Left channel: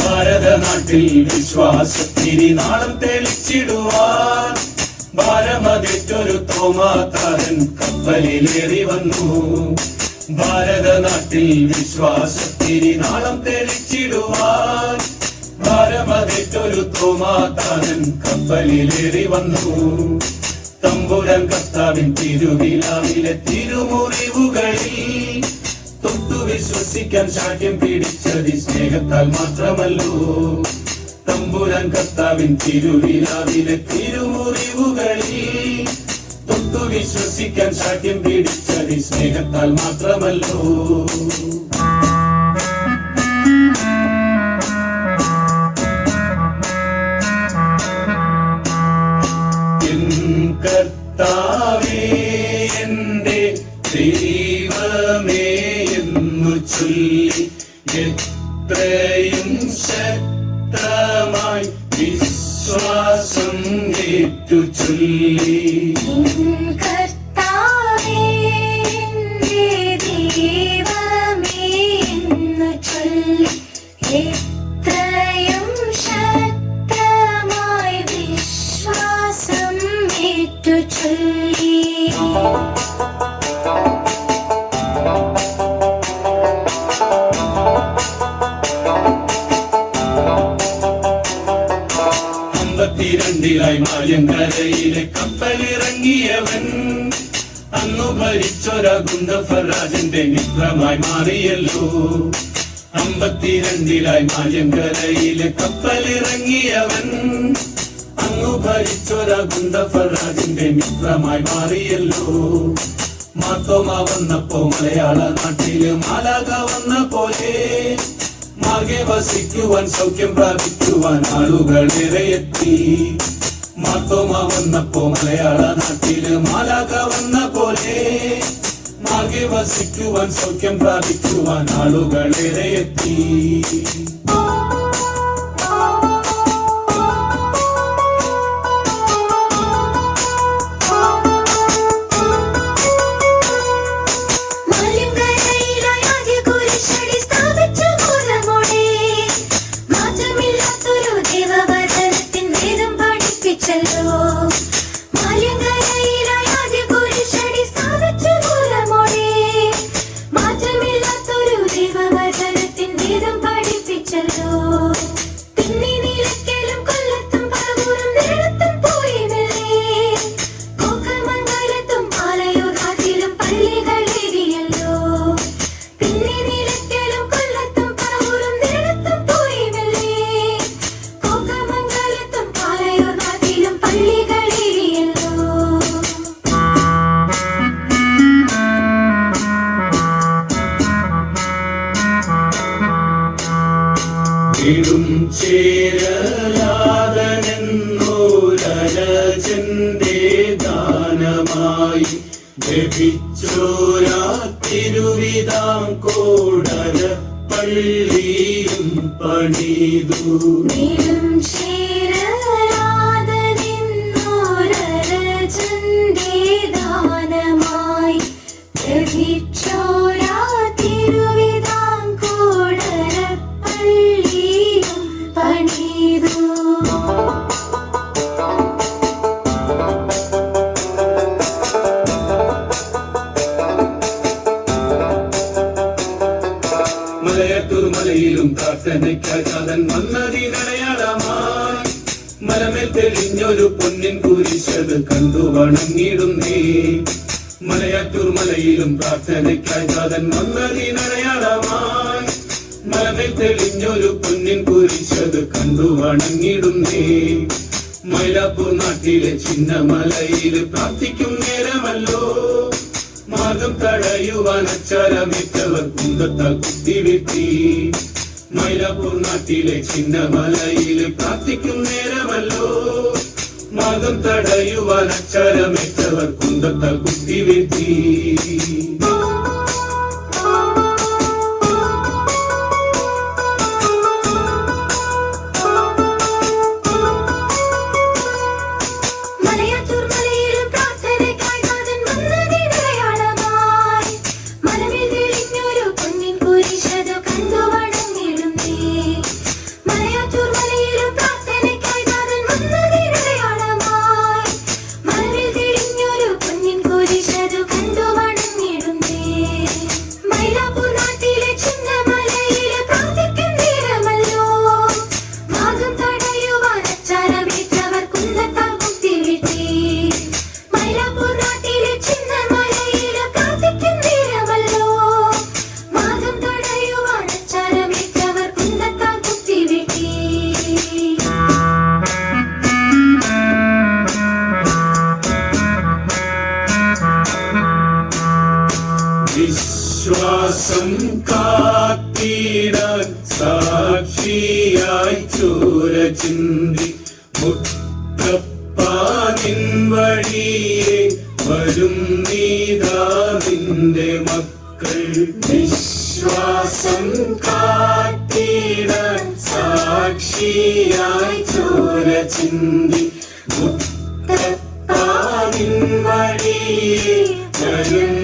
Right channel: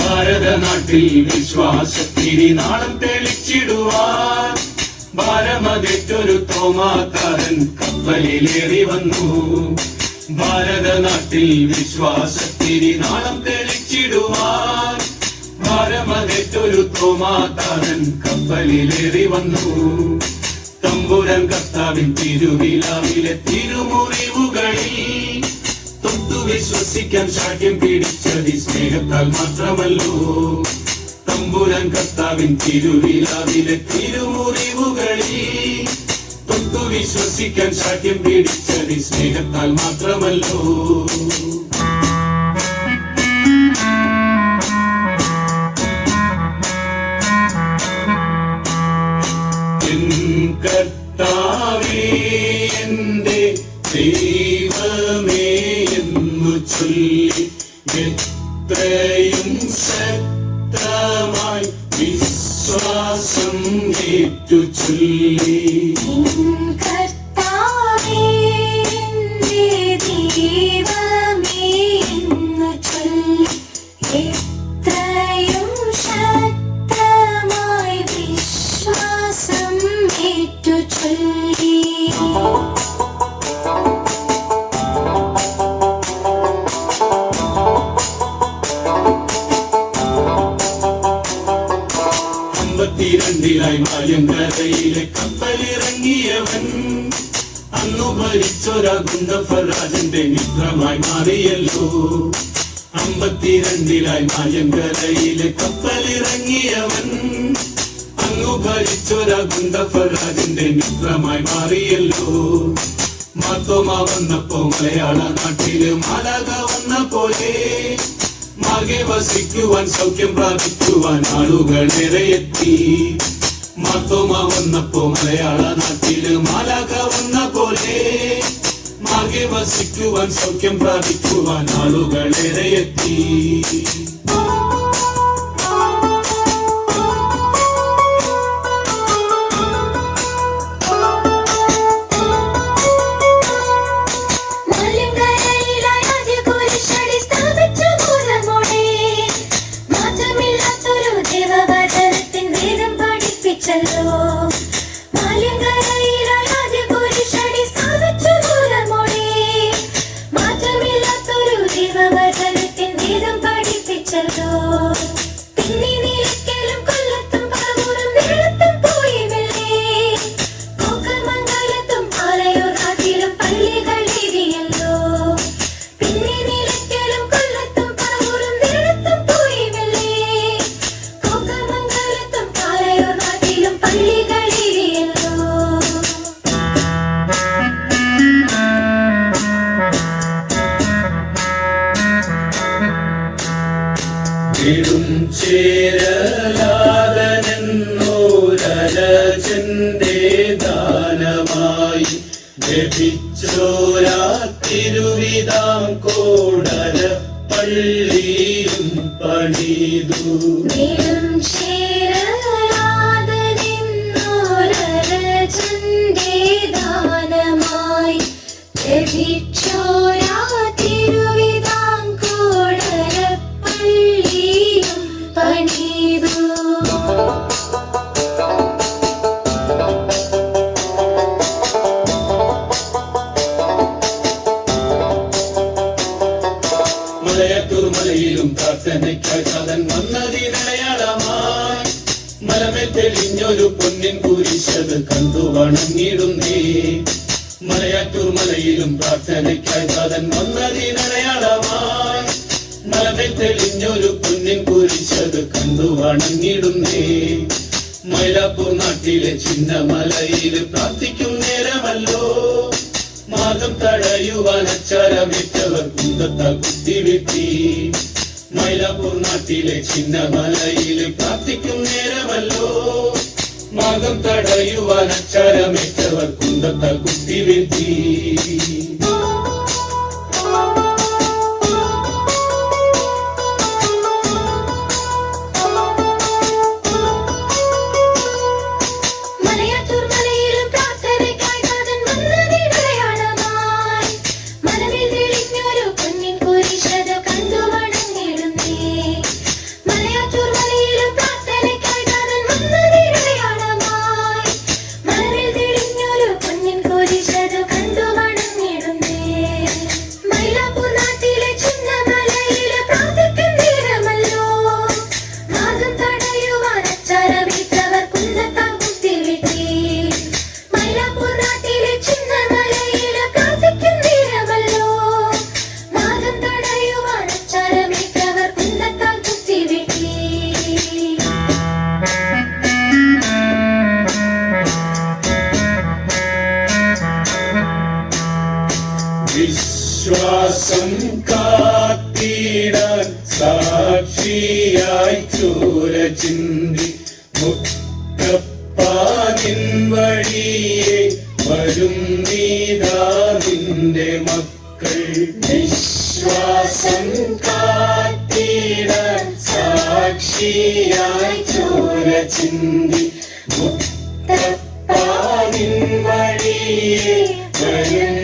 ഭാരതനാട്ടിൽ വിശ്വാസത്തിരി നാളം തെളിച്ചിടുവാൻ ഭാരമതിറ്റൊരു തോമാക്കാരൻ കപ്പലിലേറി വന്നു. ഭാരതനാട്ടിൽ വിശ്വാസത്തിരി നാളം തെളിച്ചിടുവാൻ ഭാരമതിറ്റൊരു തോമാക്കാരൻ കപ്പലിലേറി വന്നു. തമ്പുരാൻ കർത്താവിൻ തിരുവിലാവിലെ തിരുമുറിവുകളിൽ തൊട്ടു വിശ്വസിക്കാൻ സാക്ഷ്യം പിടിച്ചത് സ്നേഹത്താൽ മാത്രമല്ലോ. തമ്പുരാൻ കർത്താവിൻ തിരുവിലാവിലെ തിരുമുറിവുകളിൽ തൊട്ടു വിശ്വസിക്കാൻ സാക്ഷ്യം പിടിച്ചത് സ്നേഹത്താൽ മാത്രമല്ലോ. കർത്താവേ എന്റെ ദൈവമേ എന്നു ചൊല്ലി എത്രയും ശക്തമായി വിശ്വാസം ഏറ്റു ചൊല്ലി. ായി മായങ്കരയിലെ കപ്പലിറങ്ങിയവൻ അന്നു ഭരിച്ചൊരാ ഗുണ്ടഫരാജന്റെ മിത്രമായി മാറിയല്ലോ. 52 മായങ്കരയിലെ കപ്പലിറങ്ങിയവൻ അന്നു ഭരിച്ചൊരാ ഗുണ്ടഫരാജന്റെ മിത്രമായി മാറിയല്ലോ. മാത്തോമാ വന്നപ്പോ മലയാള നാട്ടില് മാലാക വന്ന പോലെ മാകെ വസിക്കുവാൻ സൗഖ്യം പ്രാപിക്കുവാൻ ആളുകളേറെ എത്തി. മാത്തോമാ വന്നപ്പോ മലയാള നാട്ടില് മാലാക വന്ന പോലെ മാകെ വസിക്കുവാൻ സൗഖ്യം പ്രാപിക്കുവാൻ ആളുകളേറെ എത്തി. ചേരലാദനോരജന്റെ ദാനമായി ലഭിച്ചോരാ തിരുവിതാംകോടര പള്ളിയും പണിതു. ചേരലാദനോരജന്റെ ദാനമായി ലഭിച്ചോരാ തിരുവിതാംകോടര പള്ളിയും പണിതു. മലയത്തൂർമലയിലും പ്രാർത്ഥനയ്ക്കായി കഥൻ വന്നതിനടയാളമായി മലമേ തെളിഞ്ഞൊരു പൊന്നിൻ കുരിശത് കണ്ടു വണങ്ങിടുന്നേ. മലയാറ്റൂർമലയിലും പ്രാർത്ഥനയ്ക്കായി കഥൻ വന്നതിനടയാളമായി മലമേ തെളിഞ്ഞൊരു പൊന്നിൻ കുരിശത് കണ്ടു വണങ്ങിടുന്നേ. മൈലാപ്പൂർ നാട്ടിലെ ചിന്നമലയില് പ്രാർത്ഥിക്കും നേരമല്ലോ മാർഗം തടയുവാൻ അച്ചാരമേറ്റവർ കുന്തത്താൽ കുത്തിവെട്ടി. മൈലാപ്പൂർ നാട്ടിലെ ചിന്നമലയില് പ്രാർത്ഥിക്കും നേരമല്ലോ മതം തടയുവാൻ അക്ഷരമേറ്റവർ കുന്തത്താൽ കുത്തിവീഴ്ത്തി. മലയാറ്റൂർ മലയിലും പ്രാർത്ഥനയ്ക്കായി നാഥൻ വന്നതിനടയാളമായി മനമേൽ തെളിഞ്ഞൊരു പൊന്നിൻ കുരിശത് കണ്ടു വണങ്ങിടുന്നേ. മലയാറ്റൂർ മലയിലും പ്രാർത്ഥനയ്ക്കായി നാഥൻ വന്നതിനടയാളമായി മനമേൽ തെളിഞ്ഞൊരു പൊന്നിൻ കുരിശത് കണ്ടു വണങ്ങിടുന്നേ. മൈലാപ്പൂർ നാട്ടിലെ ചിന്നമലയിലെ പ്രാർത്ഥിക്കും നേരമല്ലോ നാഗം തടയുവാൻ അച്ചാരമേറ്റവർ കുന്തത്താൽ കുത്തിവീഴ്ത്തി. മൈലാപ്പൂർ നാട്ടിലെ ചിന്നമലയിലെ പ്രാർത്ഥിക്കും നേരമല്ലോ നാഗം തടയുവാൻ അച്ചാരമേറ്റവർ കുന്തത്താൽ കുത്തിവീഴ്ത്തി. വിശ്വാസം കാത്തിടാൻ സാക്ഷിയായി ചോര ചിന്തി മുത്തപ്പാനിൻ വഴിയെ വരും നീതാ നിന്റെ മക്കൾ. വിശ്വാസം കാത്തിടാൻ സാക്ഷിയായി ചോര ചിന്തി മുത്തപ്പാനിൻ വഴിയെ വരും